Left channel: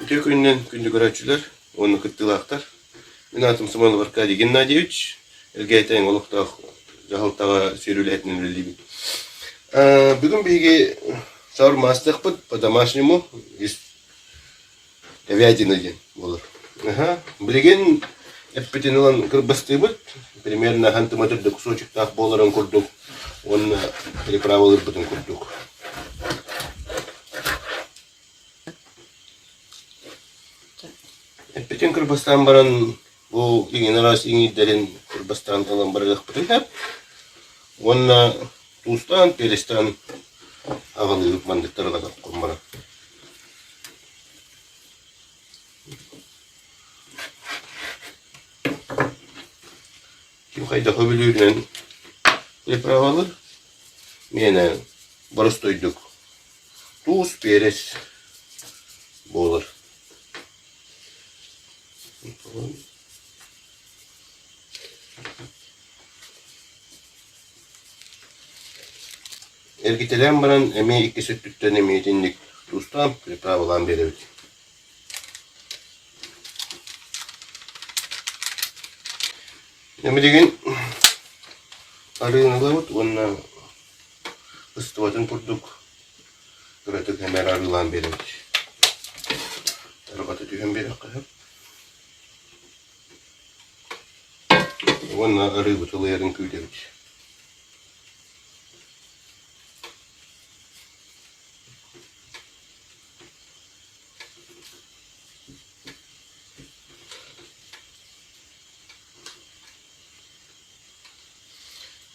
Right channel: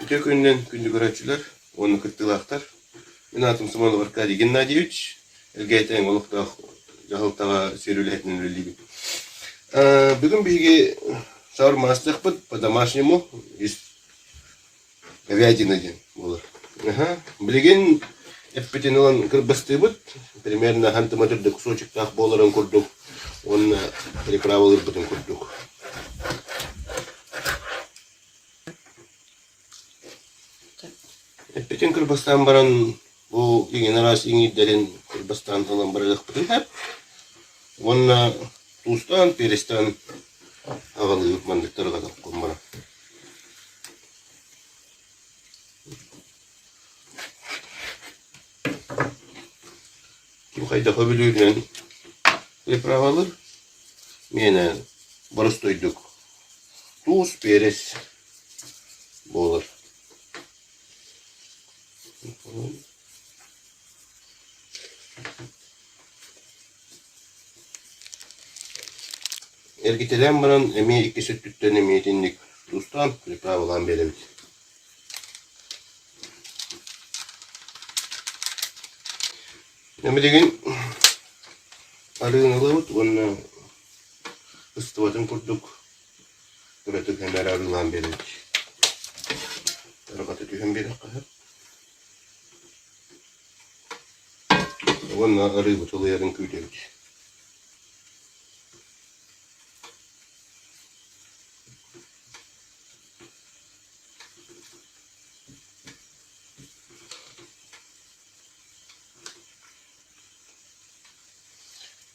Bütün günden günlük öğrenciler, onu kıttılaktar. Ben adım Sımalı Arkadiy Gennadievich. Elgeyten olukta jahıltağa serüyle etnen öldüğü. Bugün bilgi sormastık bu, по домашнему из говядины olur. Bilgin эппетен olan kırbıstığı bud, примерно хантыматырды кусочек так боларын курдук, он приправалыр бутын курдук. Эппетен кырбастан баран bu yine ras derin kırbastan talan barık butı hep. Onunla tuzdan, peristan havalı mandıkları da kurmana. Kim kayda kabiliyorlar? Приправалар. Mene barıstoyduk. Tuz, peris bolur. Ergitelen baran emeği iki sütlükten emeği dinlik tuzdan pripravılan belirli. Emeğin arığını alıp onunla ısıtıvatın kurduk. Üretik hemen arılan belirli. Tarıkatı tühen bir dakika hep. Onunla arı butılı yarın küydevik.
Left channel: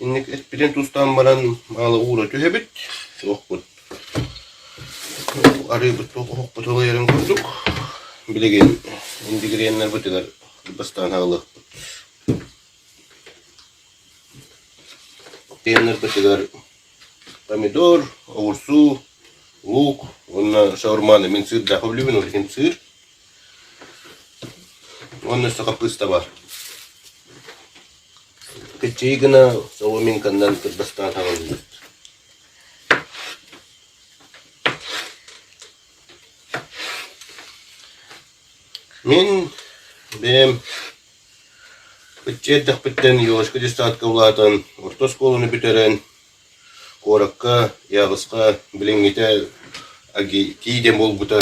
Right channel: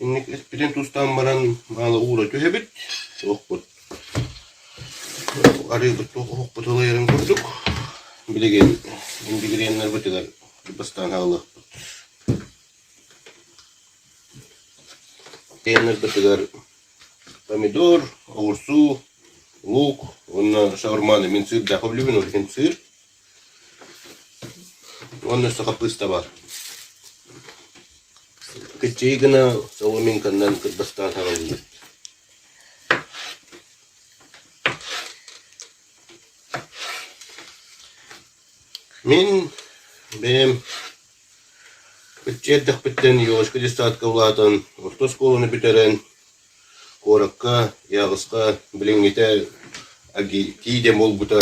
İnnik etpiden tuzdan baran malı uğra tühebit. Okbut. Arı butılı yarın küydük. Bilegen indigirenler butılar. Bastan havalı. Yenler butılar. Помидор, огурцу, лук. Он шаурманы. Мен сыр дахып любим, олеген сыр. Onun sakapısta var. Kecil gana sawamin kandan kırbastan havalı. Men benim bütçe bitten yoğuşka saat kavlatan orta skolunu biteren korakka yağızka bilingite agi tide bol buta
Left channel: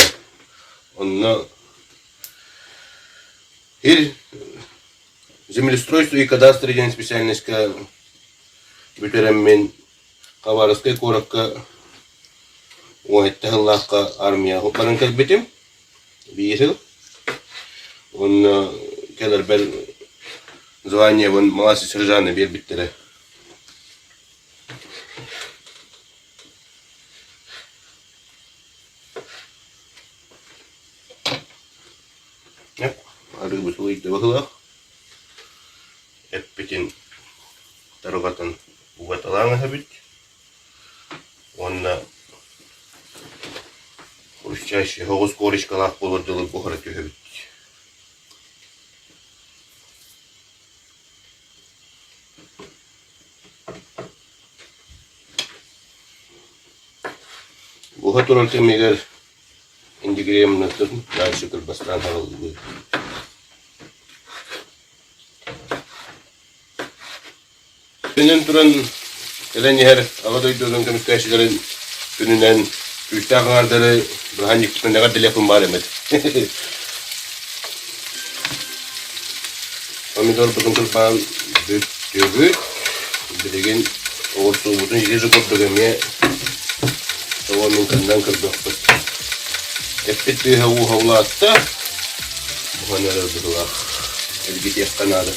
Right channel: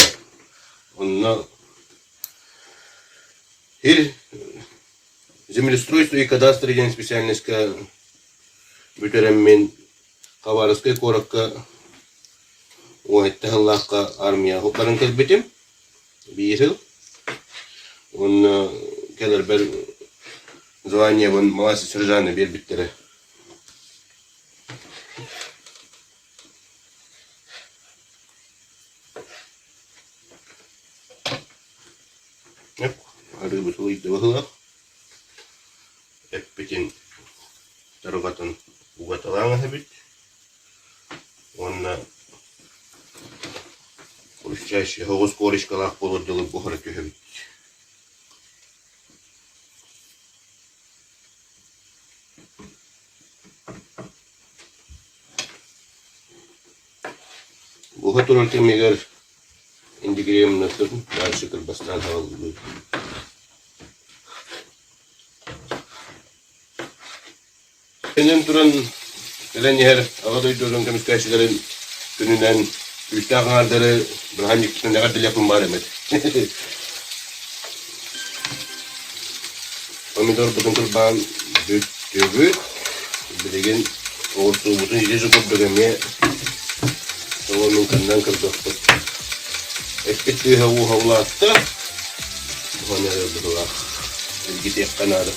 onna her землеустройство и кадастр деген специальностька бүтөрөм мен кабарыскай коракка ойталлакка армия хопларын келбетим бир жыл он келер бер звание вон младший сержант бербиттере arı butuluydu bakıla Эппетен тарыгатын угаталаңа хабит. Онна хрущащий хогус коричкалах болырдылы бухара тюхабит. Буха турар кемегер индигрем натыр дальше кырбастан харалды. Benim turan gelen yer ağaday durun komiskaşların gününden büyükten kanarları bıhancık kısmı ne kadar dil yapım var emet. Pomidor butun kırban büyük bilgin orta butun yüzü kod bölümye tavanın kandan kırdık. Epit bir havlu attı. Bu hanere durulak. Elgit yakkanarı.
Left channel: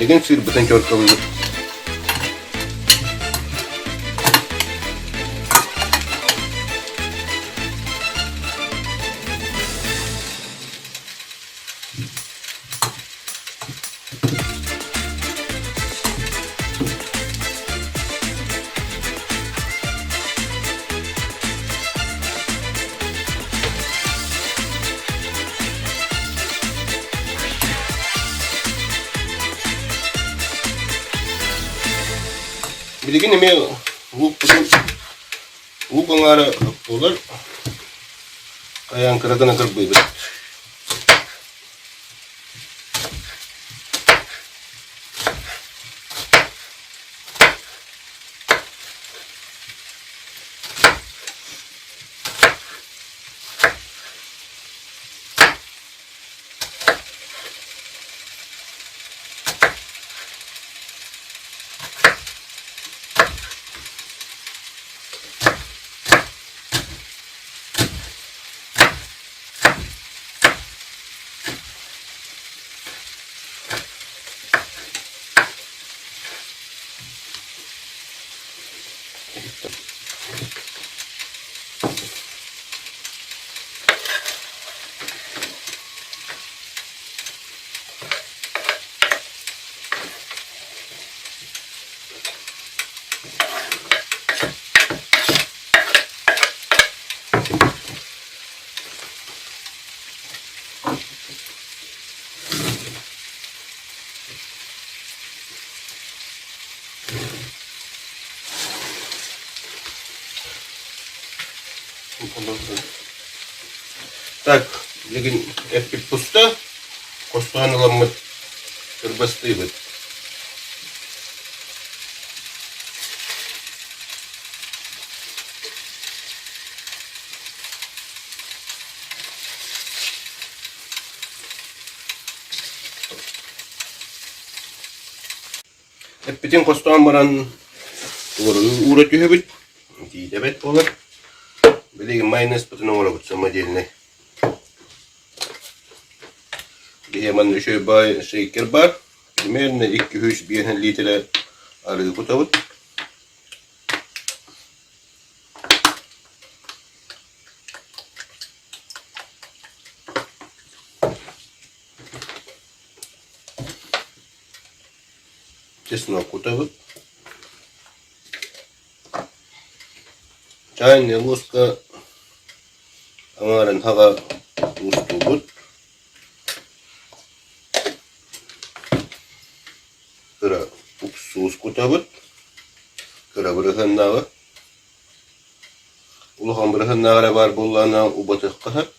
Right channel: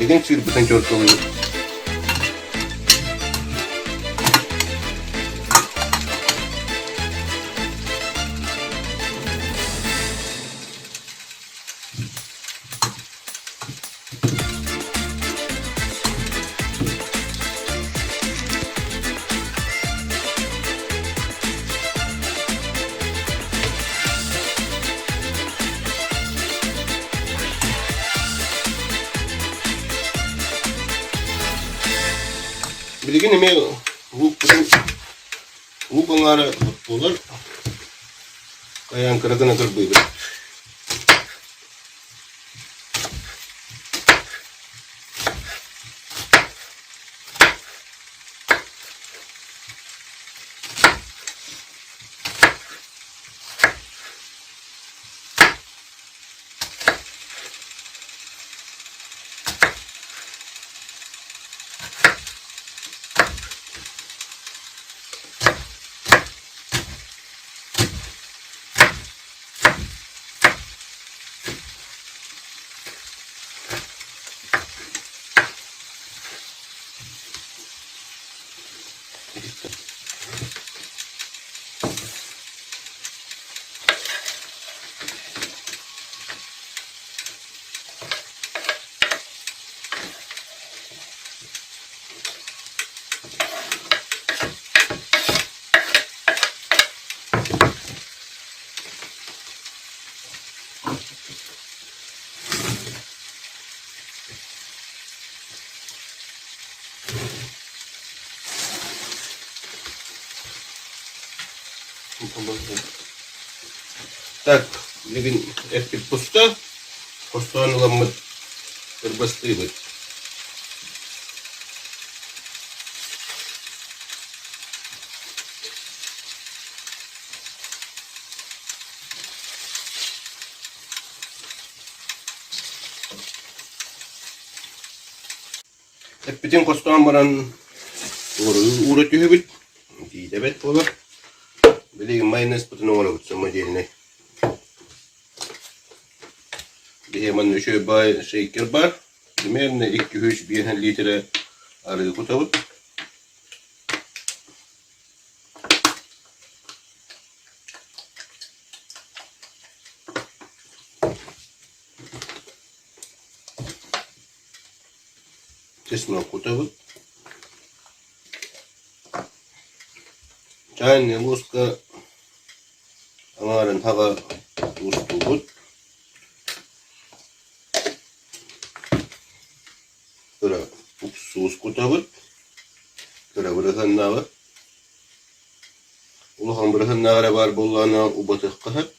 Bilgin sir biten körkalı. Bilgin eme bu bangara polar kayan kıragana kırbıydı. Так, Bilgin etki pusta, kosoğanılamı kırbastıydı. Bütün kostoğan baran uğraşıyor bit. Diyebet olur. Bilgin mayonez bütün uğraşıyor sama jeline. Hemen şöyle bay şeker var. Yemeğine 2-3 litre arı kutavut. Чеснок кутавут. Чайная ложка амарын хага устугут. Кыра уксус кутавут. Кыра бырыхыннагы. Улахан бырыхыннагы бар боллана убатык кахат.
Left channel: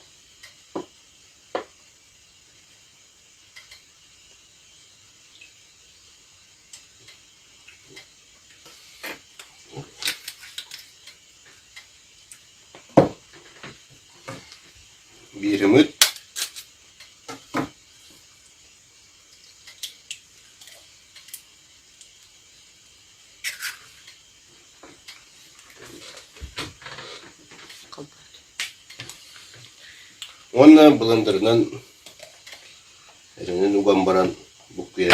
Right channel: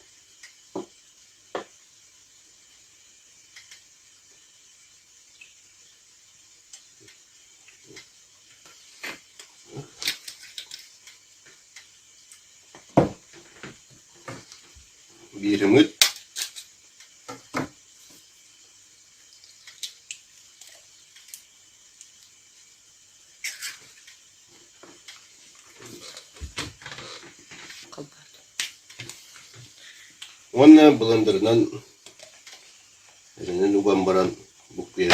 Bir ümit. Onun blenderdan elinin ugan baran bukya.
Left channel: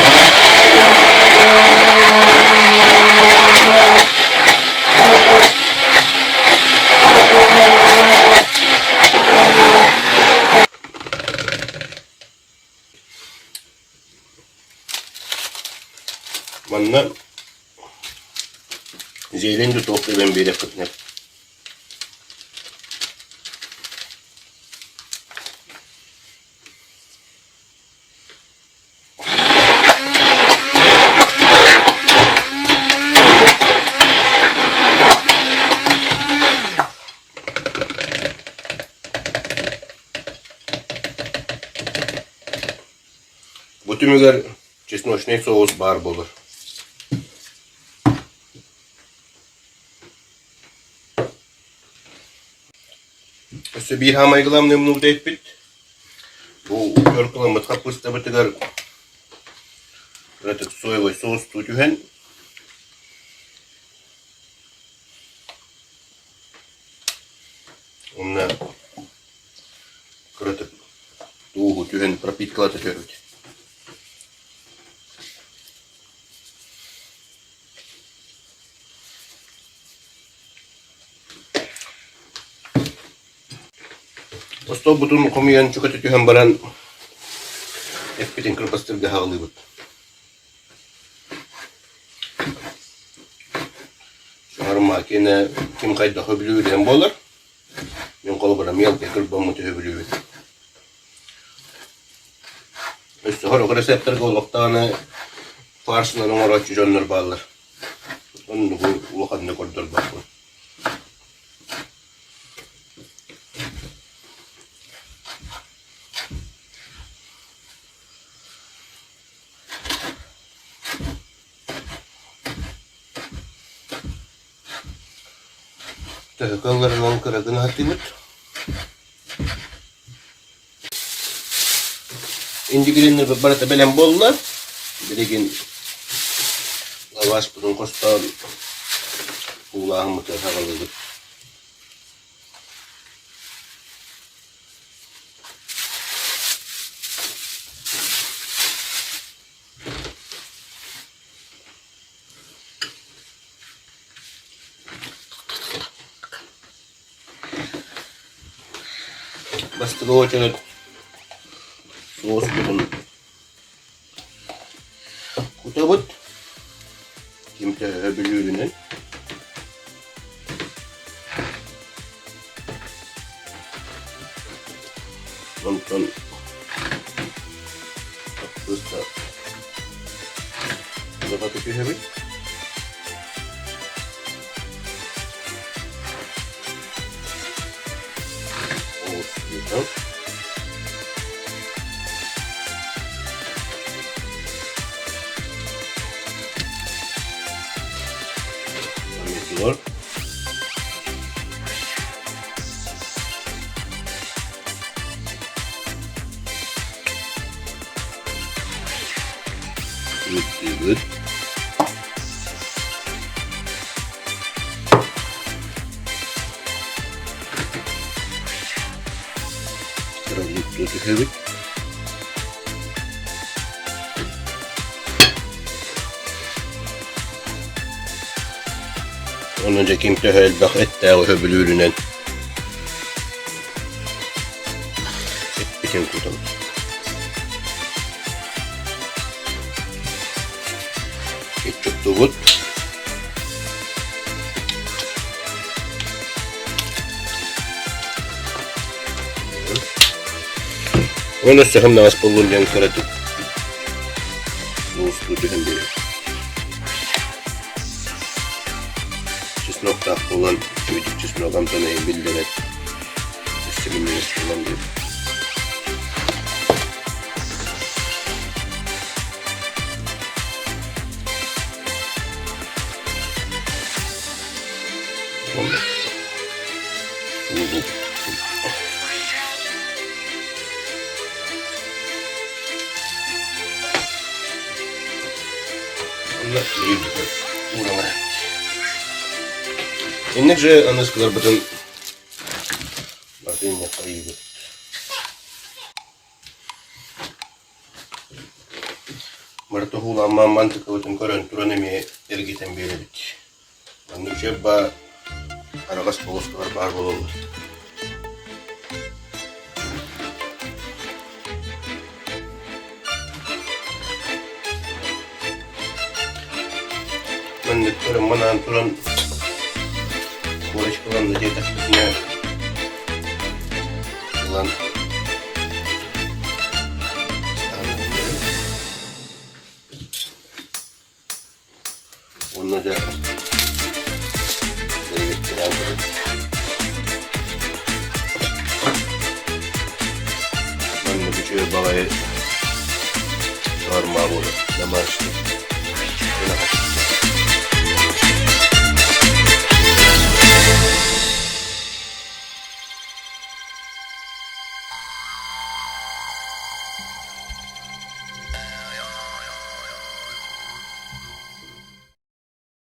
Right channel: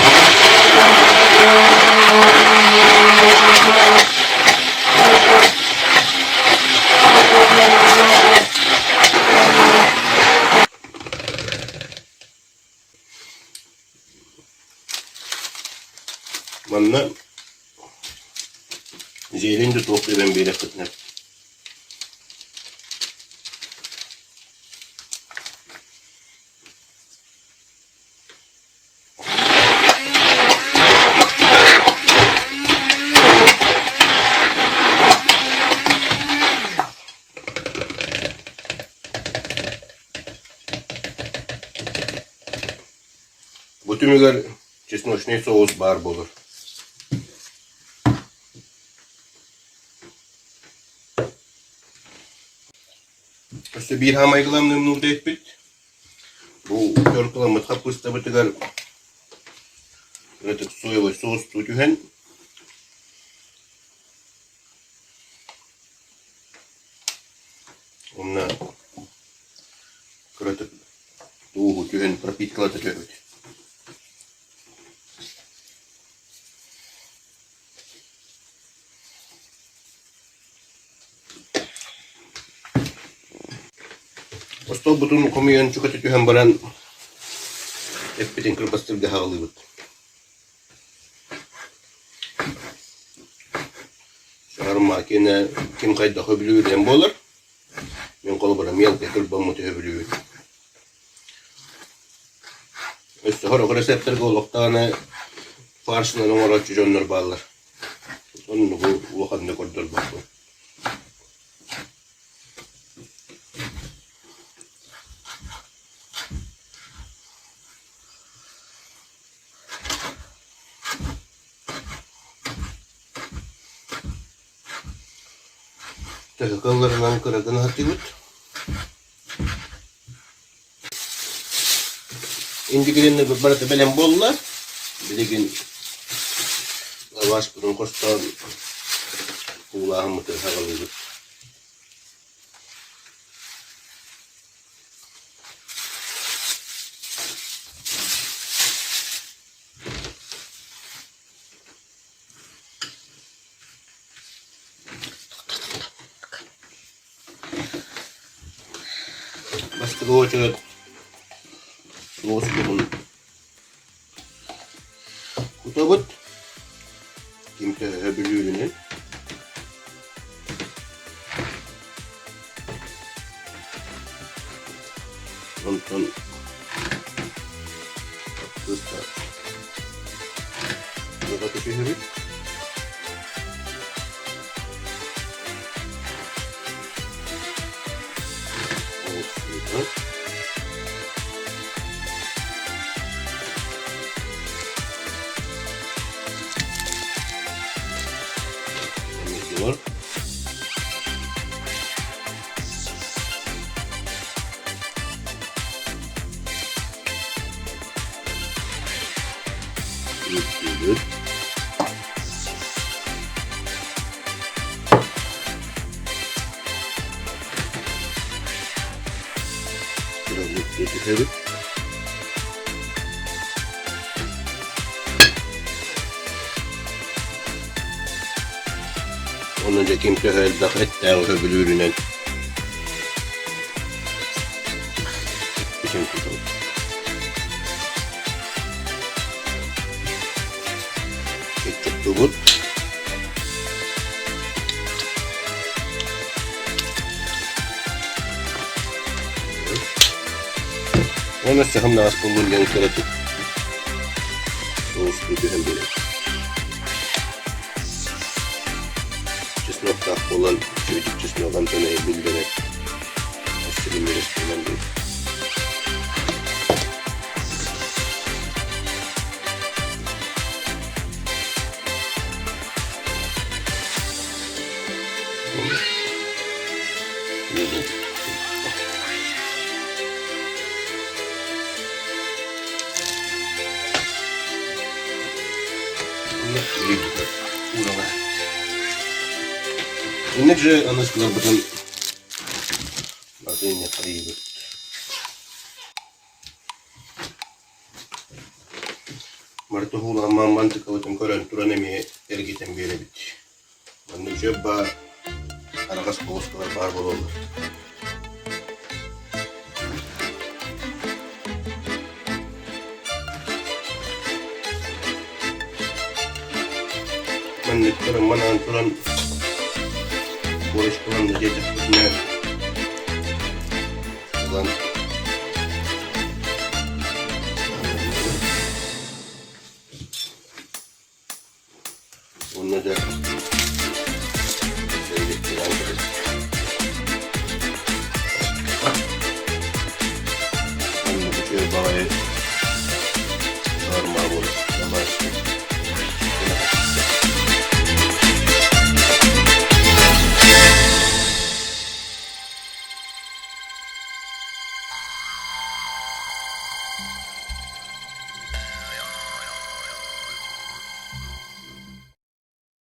Manna zeytin de toplu ben bir yakıtına. Bu tümüler чесночный соус бар болыр. İşte bir hamay kılam ne bunu deyip bit. Bu kör kılamı kapısta bitigar. Ratık soya ve sos tutuhen. Onunla kırıtık tuuhu tyhen propitkalata körüt. Osto butun komiyan çukatı tyhen baran eppitin kırpastır da hağlıyıbıt. Şarma kene kim kayda höbülüğü den bolar. Men kolu bara miyalke kırpamı höbülüğü. Üstü horok reseptler koloktaane farsından onlar açı jönler bağlar. Onu bu ulukadını koridor bakma. Kallarından kıragını hatibut. İndi girinler bir barata belen bollar. Biligin lavaş burun kostan kulağım mıtır havalıdır. Bastı o çocuk sos burun kutabut kimse öbürlüğünün ondan usta da bakışı hebi olsun. Var. Good. Good. Onun önce kimse helbak etti o höbülüğünden. Bütün tutam. Küçük tubut. Onu seham nas buluncan karatıp. Dostu dühen böyle. Nokta olan çocuk çizme adam tanıyı bildirerek istedim falan diyor. İnce anlaşılır bütün bakın yapayım. Marto hula mantık olsun körün turanemi ergiten bir bit. Annem şebba aragas postlar var bolur. Ben körün manan turan Boş kalan da yeter tutmaya kalan onunla da devlettiren kadar ben de bu çoğu babaya sorma bunu. Namaste.